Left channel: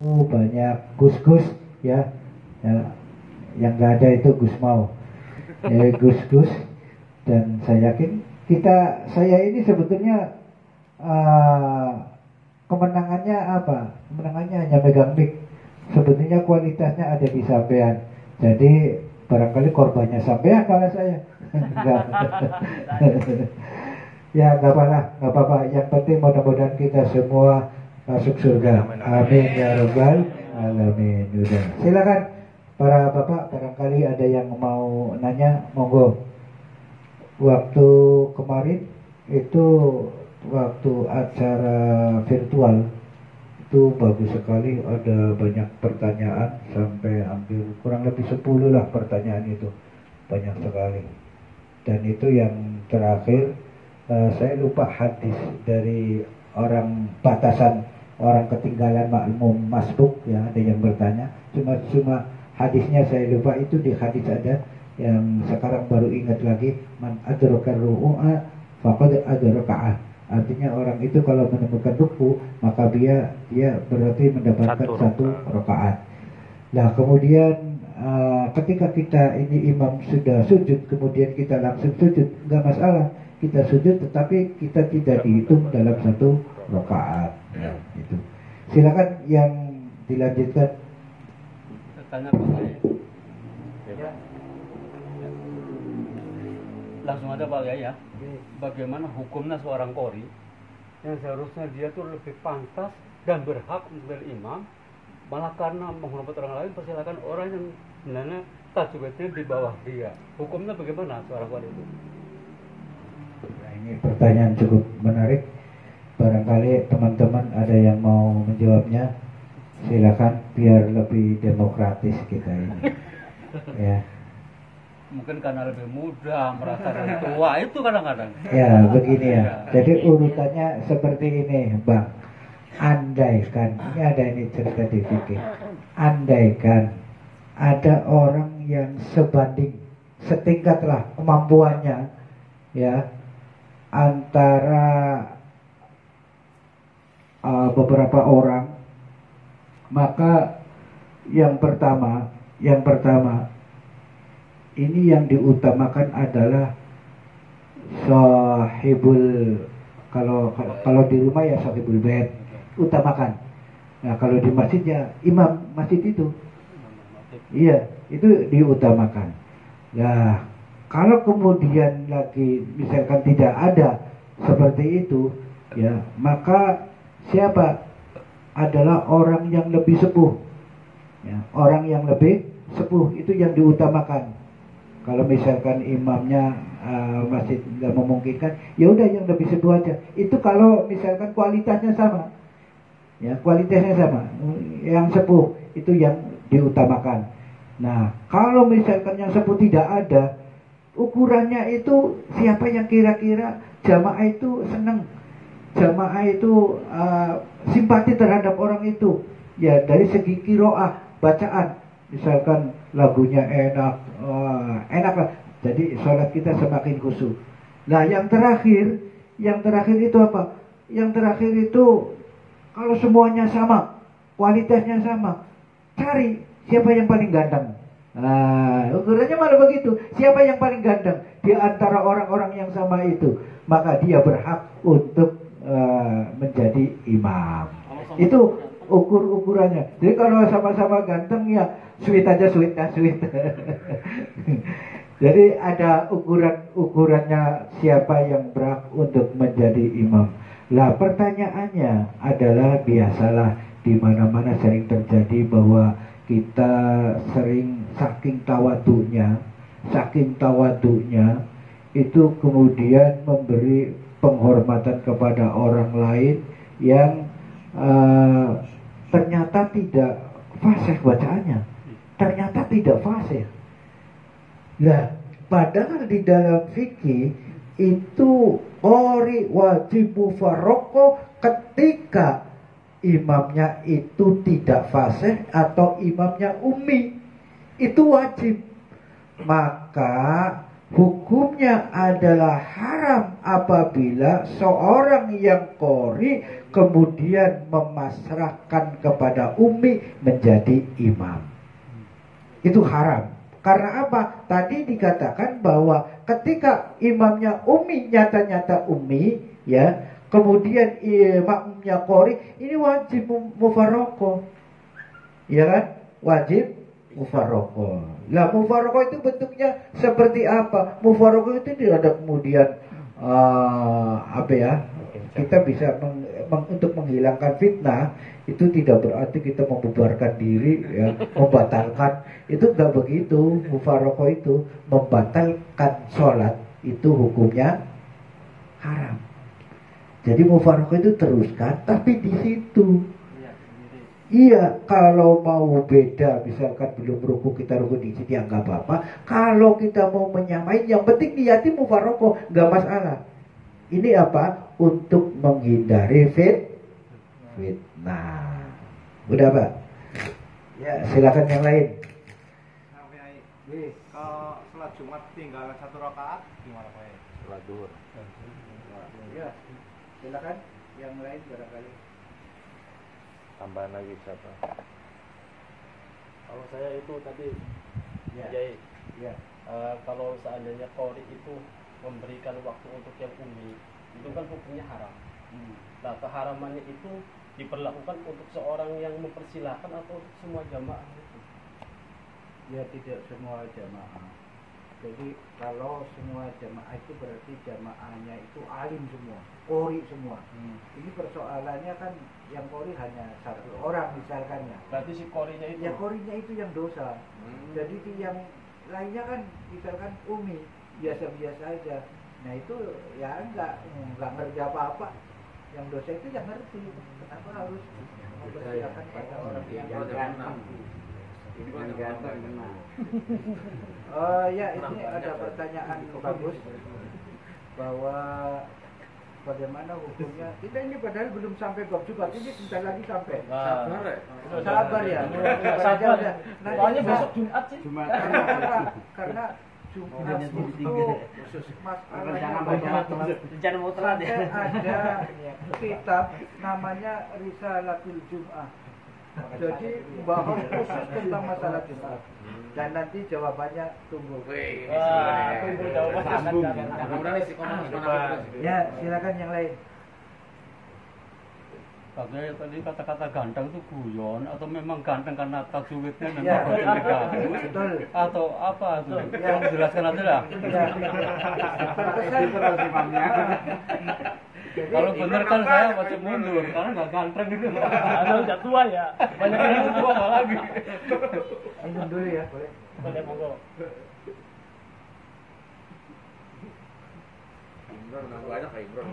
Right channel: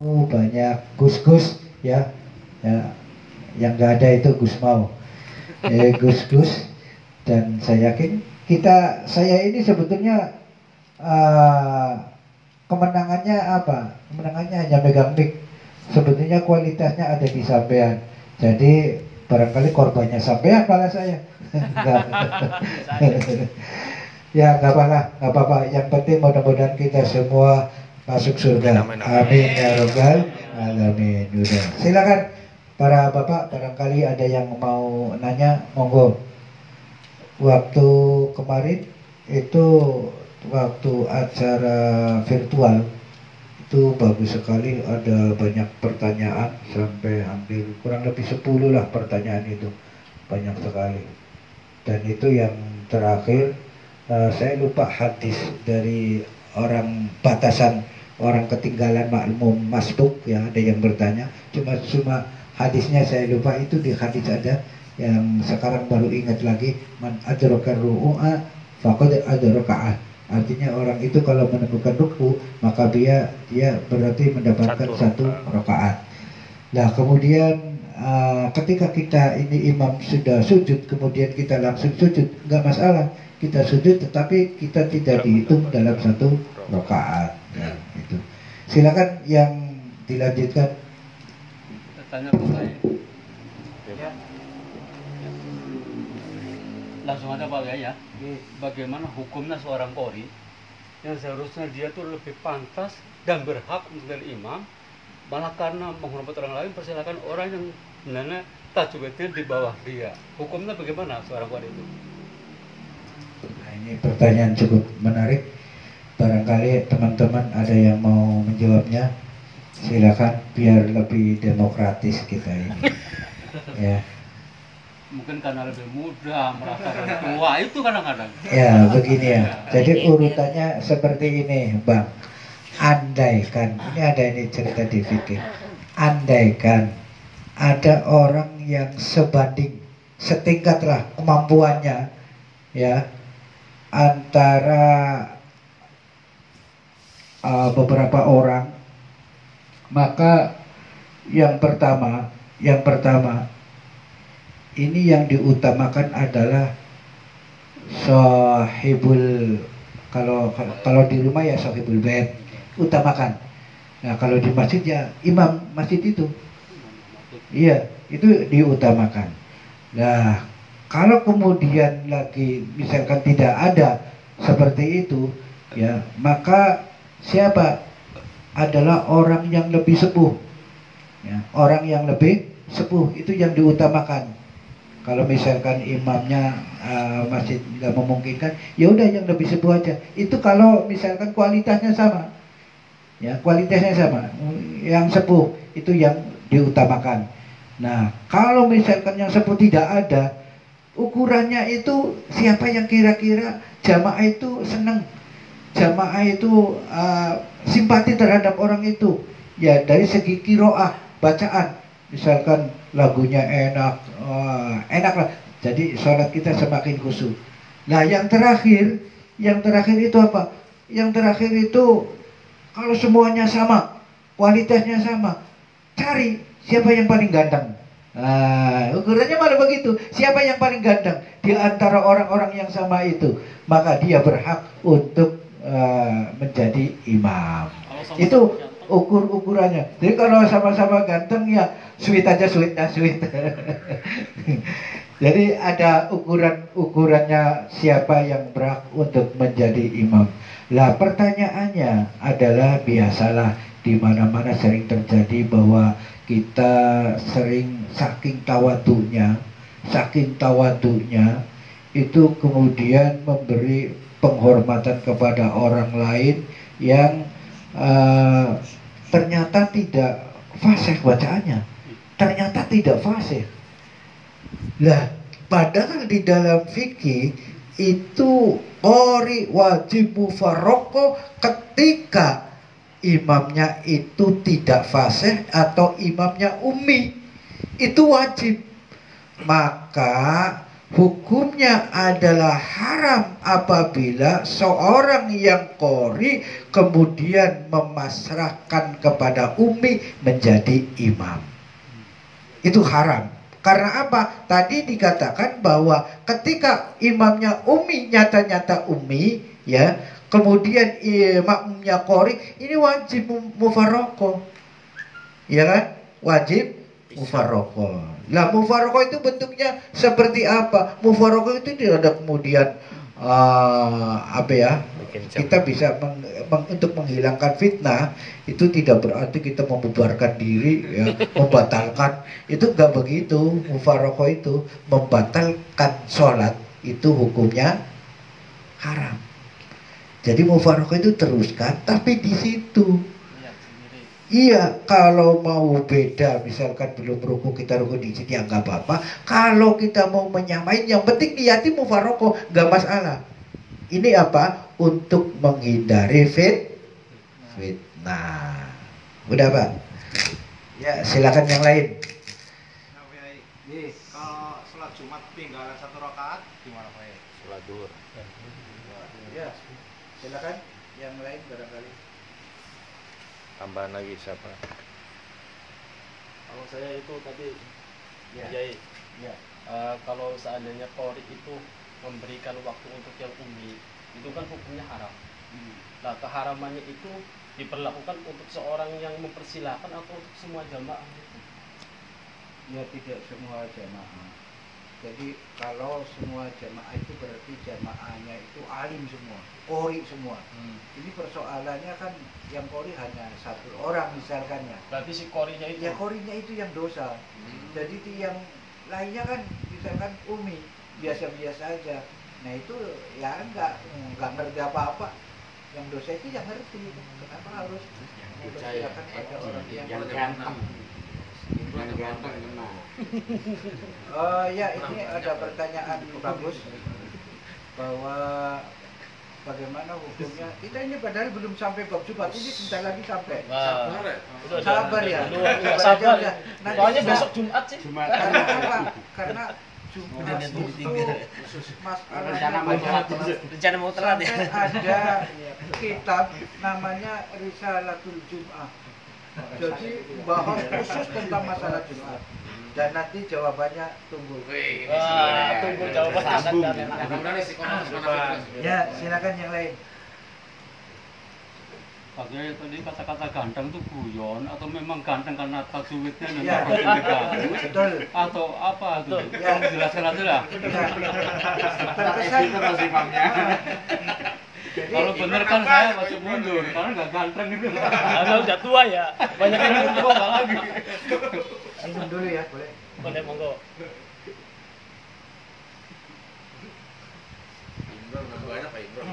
banyak gus-gus ya, ya yang nggak ada itu Gus Mau, gus-gus. Dan saya yakin saya ini sebetulnya kemenangannya apa? Kemenangannya hanya megang mic. Sebetulnya kualitasnya ada di sampean. Jadi barangkali korbannya sampean malah saya. Enggak. Ya nggak apa-apa, nggak apa-apa. Yang penting mudah-mudahan kita semua masuk surga. Amin ya robbal alamin. Udah. Silakan para bapak, barangkali ada yang mau nanya, monggo. Waktu kemarin itu waktu acara virtual itu bagus sekali, ada banyak pertanyaan sampai hampir kurang lebih 10 lah pertanyaan itu, banyak sekali. Dan itu yang terakhir saya lupa hadis dari orang batasan, orang ketinggalan makmum masbuk ya, ada yang bertanya, cuma hadisnya saya lupa. Itu di hadis ada yang sekarang baru ingat lagi, man adraka ru'a faqad adraka. Artinya orang itu kalau menemukan ruku maka dia berarti mendapatkan satu rakaat. Nah kemudian ketika kita ini imam sudah sujud kemudian kita langsung sujud, nggak masalah kita sujud, tetapi kita tidak dihitung dalam satu rakaat. Ya, itu. Silakan yang dilanjutkan. Tanya ke saya. Ya. Langsung ada Pak Gaya. Bagaimana hukumnya seorang qori yang seharusnya dia tuh lebih pantas dan berhak menjadi imam, malah karena menghormati orang lain persilakan orang yang sebenarnya tajwidnya di bawah dia. Hukumnya bagaimana seorang qori itu? Nah, ini pertanyaan cukup menarik. Barangkali teman-teman ada yang mau menjawabnya. Silakan biar lebih demokratis kita ini. Ya. Mungkin karena lebih muda, merasa lebih tua, itu kadang-kadang. Ya, begini ya. Jadi urutannya seperti ini, Bang. Andaikan, ini ada ini cerita di fikih. Andaikan ada orang yang sebanding, setingkat lah kemampuannya, ya, antara beberapa orang, maka yang pertama ini yang diutamakan adalah sahibul, kalau di rumah ya sahibul bait utamakan. Nah kalau di masjid ya imam masjid itu, iya itu diutamakan. Nah kalau kemudian lagi misalkan tidak ada seperti itu, ya maka siapa adalah orang yang lebih sepuh, ya, orang yang lebih sepuh itu yang diutamakan. Kalau misalkan imamnya masih nggak memungkinkan, ya udah yang lebih sepuh aja. Itu kalau misalkan kualitasnya sama, ya kualitasnya sama, yang sepuh itu yang diutamakan. Nah, kalau misalkan yang sepuh tidak ada, ukurannya itu siapa yang kira-kira jamaah itu senang, jamaah itu simpati terhadap orang itu, ya dari segi kiroah bacaan. Misalkan lagunya enak, enak lah. Jadi sholat kita semakin khusyuk. Nah yang terakhir itu apa? Yang terakhir itu kalau semuanya sama, kualitasnya sama, cari siapa yang paling ganteng. Nah ukurannya malah begitu. Siapa yang paling ganteng di antara orang-orang yang sama itu, maka dia berhak untuk menjadi imam. Itu ukurannya. Jadi kalau sama-sama ganteng ya sweet aja, sweet. Jadi ada ukurannya siapa yang berhak untuk menjadi imam. Lah pertanyaannya adalah, biasalah di mana-mana sering terjadi bahwa kita sering saking tawadunya itu kemudian memberi penghormatan kepada orang lain yang ternyata tidak fasih bacaannya, ternyata tidak fasih. Lah, padahal di dalam fikih itu qori wajib mufarraqah ketika imamnya itu tidak fasih atau imamnya ummi, itu wajib. Maka Hukumnya adalah haram apabila seorang yang qori kemudian memasrahkan kepada umi menjadi imam. Itu haram. Karena apa? Tadi dikatakan bahwa ketika imamnya umi, nyata-nyata umi, ya, kemudian makmumnya qori, ini wajib mufaraqah. Ya kan? Wajib mufaraqah. Lah mufaraqah itu bentuknya seperti apa? Mufaraqah itu tidak ada kemudian apa ya? Kita bisa untuk menghilangkan fitnah, itu tidak berarti kita membubarkan diri, ya, membatalkan. Itu enggak begitu. Mufaraqah itu membatalkan sholat, itu hukumnya haram. Jadi mufaraqah itu teruskan, tapi di situ. Iya, kalau mau beda, misalkan belum ruku kita ruku di sini, ya nggak apa-apa. Kalau kita mau menyamain, yang penting niatin mufaraqah, nggak masalah. Ini apa? Untuk menghindari fitnah. Udah Pak? Ya, silakan yang lain. Kalau sholat Jumat tinggal 1 rakaat, gimana Pak? Sholat duhur. Ya, silakan yang lain barangkali. Tambahan lagi siapa? Kalau saya itu tadi, Ya. ya, kalau seandainya qori itu memberikan waktu untuk yang umi, itu kan hukumnya haram. Nah, keharamannya itu diperlakukan untuk seorang yang mempersilahkan atau untuk semua jamaah itu? Ya, tidak semua jamaah. Jadi kalau semua jamaah itu berarti jamaahnya itu alim semua, qori semua. Ini persoalannya kan yang qori hanya 1 orang misalkannya. Berarti si qorinya itu? Ya, qorinya itu yang dosa. Jadi yang lainnya kan misalkan umi, biasa-biasa aja. Nah itu ya enggak ngerti apa-apa. Yang dosa itu yang ngerti. Kenapa harus mempersilakan pada orang yang ya, ini ada pertanyaan bagus bahwa bagaimana hukumnya. Kita ini padahal belum sampai bab Jumat, ini sebentar lagi sampai. Sabar ya. Sabar aja. Nanti besok Jumat sih. Karena apa? Karena Jumat itu masalahnya banyak. Sampai ada kitab namanya Risalatul Jum'ah. Jadi bahas khusus tentang masalah Jumat. Dan nanti jawabannya tunggu. Tunggu jawabannya. Ya, silakan yang lain. Pakai tadi kata-kata ganteng itu guyon atau memang ganteng karena tajwidnya Ya, memang bagus betul. atau apa itu? Ya. Jelaskan aja lah. Ya. Terkesan jadi, Kalau bener kan saya wajib mundur karena nggak ganteng gitu. Udah tua ya. Banyak yang Tua nggak lagi. minum dulu ya, boleh. boleh monggo. Imron, banyak Pak Imron.